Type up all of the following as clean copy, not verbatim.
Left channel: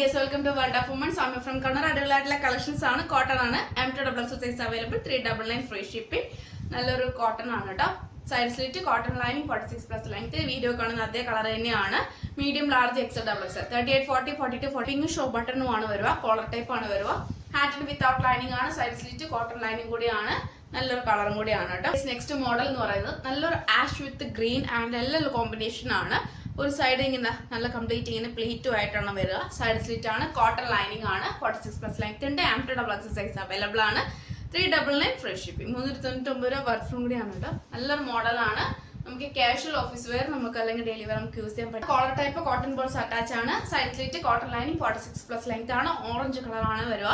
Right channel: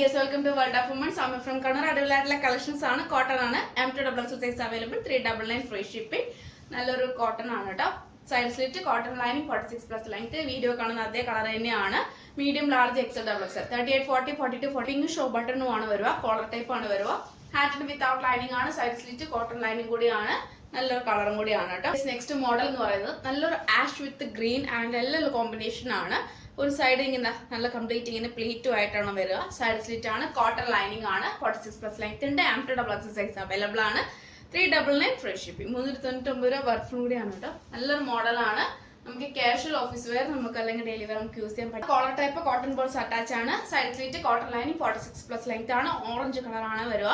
dears, welcome to World of Women. So, I'm from Kannada. അടിപൊളിയായിട്ടുള്ള collections ആണ്. Cotton ആണ്. M2 size available. 399 free shipping. നല്ലൊരു cotton ആണ് കേട്ടോ. Side slit cotton lining 46+ length. Video കാണുന്ന അതേ കളർ തന്നെയാണ്. Medium large XL XL 38 40 42 40 show ബട്ടണും ആണ് വരിക. കോളർ ടൈപ്പ് ആണ് വരിക. ഹാറ്റിന് വിത്തൗട്ട് ലൈനിങ് ആണ്. സൈഡ് സ്ലിറ്റ് കോട്ടൺ ലൈനിങ് കൂടിയാണ്. നല്ലൊരു കളറും കൂടിയാണ് കേട്ടോ. നെക്സ്റ്റ് മോഡൽ എന്ന് പറയുന്നത് നല്ലൊരു ആഷ് വിത്ത് ഗ്രീൻ ആൻഡ് എല്ലാം കോമ്പിനേഷൻ ആണ്. ഒരു സൈഡ് ഇങ്ങനെ നല്ല കംപ്ലീറ്റ് ഇങ്ങനെ പ്ലേറ്റും ആയിട്ടാണ് വരിക. സൈഡ് സ്ലിറ്റ് ആണ്. കോട്ടൺ ലൈനിങ് ആണ്. 46+ ലെങ്ത് ഉണ്ട്. M2 സൈസ് അവൈലബിൾ ആണ്. 399 ഫ്രീ ഷിപ്പിംഗ്. 399 രൂപ വർക്കും കൂടിയാണ് കേട്ടോ. നല്ലൊരു മോഡലാണ്. നമുക്ക് കാഷ്വൽ ഓഫീസ് വെയർ നമുക്ക് അല്ലെങ്കിൽ ഡെയിലി വെയർ നമുക്ക് യൂസ് ചെയ്യാൻ പറ്റും. Collar type cotton balls attach ആണ്. Side slit cotton lining 46+ length ആണ്. ഓറഞ്ച് കളറാണ് വരിക.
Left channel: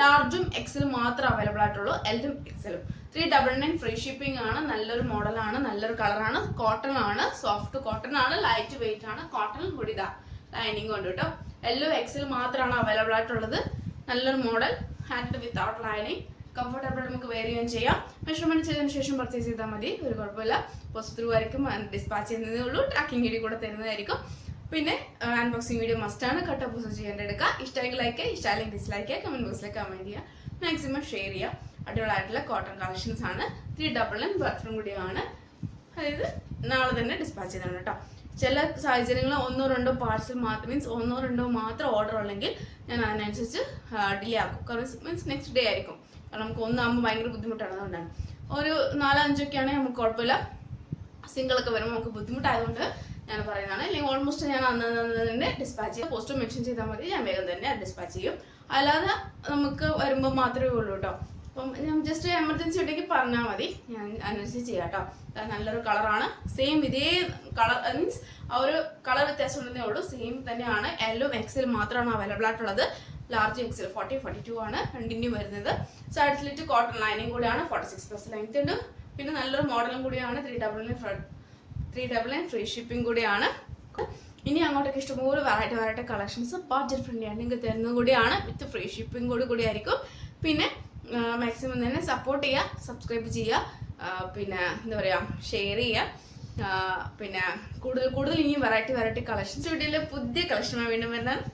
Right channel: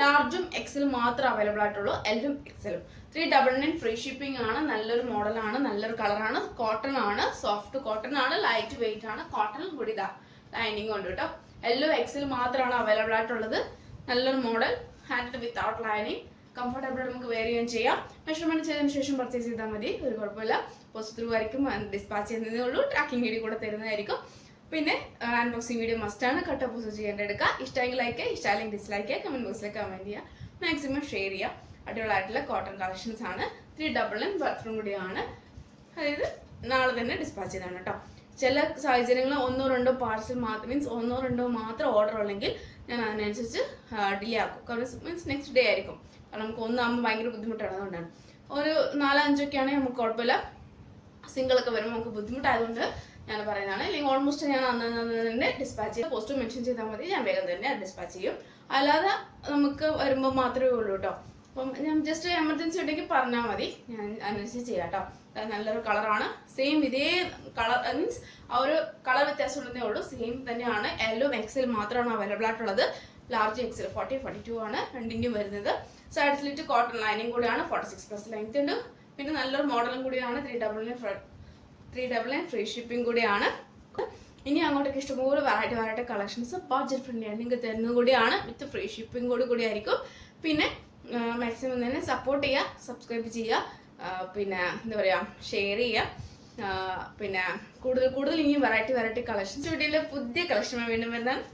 ലാർജും എക്സലും മാത്രം അവൈലബിൾ ആയിട്ടുള്ളൂ. എല്ലും എക്സലും. 399 ഫ്രീ ഷിപ്പിംഗ് ആണ്. നല്ലൊരു മോഡലാണ്. നല്ലൊരു കളറാണ്. കോട്ടൺ ആണ്. സോഫ്റ്റ് കോട്ടൺ ആണ്. ലൈറ്റ് വെയിറ്റ് ആണ്. കോട്ടൺ കൂടി ഇതാ ലൈനിങ് ഉണ്ട് കേട്ടോ. എല്ലും എക്സൽ മാത്രമാണ് അവൈലബിൾ ആയിട്ടുള്ളത്. നല്ലൊരു model. Hand without lining. Comfortable നമുക്ക് വെയർ ചെയ്യാൻ ചെയ്യാം. മെഷർമെന്റ് ചെയ്തതിനു ശേഷം പർച്ചേസ് ചെയ്താൽ മതി. ഒരു കുഴപ്പമില്ല. പോസിറ്റീവ് ആയിരിക്കും. ഡിസ്പാച്ച് ചെയ്യുന്നതേ ഉള്ളൂ. ട്രാക്കിംഗ് വീഡിയോ കൂടെ തരുന്നതായിരിക്കും. പിന്നെ അൺബോക്സിംഗ് വീഡിയോ മസ്റ്റ് ആണ്. കട്ട് പോസ്റ്റ് ചെയ്യേണ്ട എടുക്കുക. ഇഷ്ടമെങ്കിൽ ലൈക്ക്, ഇഷ്ടമല്ലെങ്കിൽ ഡിസ്ലൈക്ക്, കമന്റ് ബോക്സിൽ കമന്റ് ചെയ്യുക. മാക്സിമം ഷെയർ ചെയ്യുക. അടിപൊളിയായിട്ടുള്ള കോട്ടൺ കളക്ഷൻസ് ആണ്. 399 ബർത്ത്ഡേ കൂടിയാണ്. അതായത് നാളെ തന്നെ ഡിസ്പാച്ച് ചെയ്താണ് കേട്ടോ. ചില സാഹചര്യങ്ങളിൽ 1-2 പാർസൽ മാത്രം മീൻസ് 1-2 മാത്രം ഓർഡർ ഉള്ളെങ്കിൽ ഞാൻ അതിനനുസരിച്ച് ഡിലേ ആക്കും. കാരണം മീൻസ് നെക്സ്റ്റ് ഡേ ആയിരിക്കും. കാരണം നമുക്ക് ഒന്നാകുമ്പോൾ ഭയങ്കര ബുദ്ധിമുട്ടാണ്. അതുകൊണ്ടാണ് ഒരു 4-5 ഒക്കെ ആണെങ്കിൽ നമുക്ക് കുഴപ്പമില്ല. സിംഗിൾ ഒക്കെ വരുമ്പോൾ നമുക്ക് ബുദ്ധിമുട്ടായതുകൊണ്ട് ഞാൻ പറയുന്നതാണ്. അല്ലെങ്കിൽ ഓൾമോസ്റ്റ് ഞാൻ അന്ന് തന്നെ ഡിസ്പാച്ച് ചെയ്യും. പോസ്റ്റ് മെൻഷൻ ചെയ്താൽ മതി. ഞാൻ വേഗം തന്നെ ഡിസ്പാച്ച് ചെയ്യും. അല്ലാതെ നമുക്ക് വരുമ്പോൾ മാത്രമേ ഉള്ളൂ കേട്ടോ. അപ്പം ഞാൻ ജസ്റ്റ് എമർജൻസി ഉണ്ടെങ്കിൽ പറഞ്ഞാൽ മതി. ഞാൻ അനുസരിച്ച് ചെയ്യാം കേട്ടോ. നല്ലൊരു കളറാണ്. സെയിം ഇതേ കളർ മീൻസ് ആ ഒരു കളർ വ്യത്യാസം ഉണ്ടെന്നേ ഉള്ളൂ. സെയിം തന്നെയാണ്. എല്ലും എക്സൽ മാത്രമാണ് അവൈലബിൾ ആയിട്ടുള്ളത്. ലാർജ് XL 40 42 ആണ് രണ്ടിൻ്റെയും വരുന്നത്. സൈഡ് സ്ലിറ്റ് കോട്ടൺ ലൈനിങ് കൂടിയാണ്. 46+ ലെങ്ത് ഉണ്ട്. പിന്നെ നല്ലൊരു മോഡലും കൂടിയാണ്. 399 ഫ്രീ ഷിപ്പിംഗ് കൂടിയാണ്. ഇനി അങ്ങോട്ടൊക്കെ ഇഷ്ടംപോലെ വെറൈറ്റി കളക്ഷൻസ് ബഡ്ജറ്റ് ഫ്രണ്ട്ലി ആണ് നിങ്ങൾക്ക് തരുന്നത് കൂടിയാണ്. വിത്ത് ഫ്രീ ഷിപ്പിംഗ് കൂടി ആയിരിക്കും. പിന്നെ മാക്സിമം തന്നെ സപ്പോർട്ട് ചെയ്യുക, സബ്സ്ക്രൈബ് ചെയ്യുക, പിന്നെ എന്താ പറയുക ഷെയർ ചെയ്യുക. പിന്നെ കൂടുതൽ ഇനി വെറൈറ്റി കളക്ഷൻസ് വീഡിയോയിൽ പുതിയ കളക്ഷൻ വീണ്ടും വരുന്നതാണ്.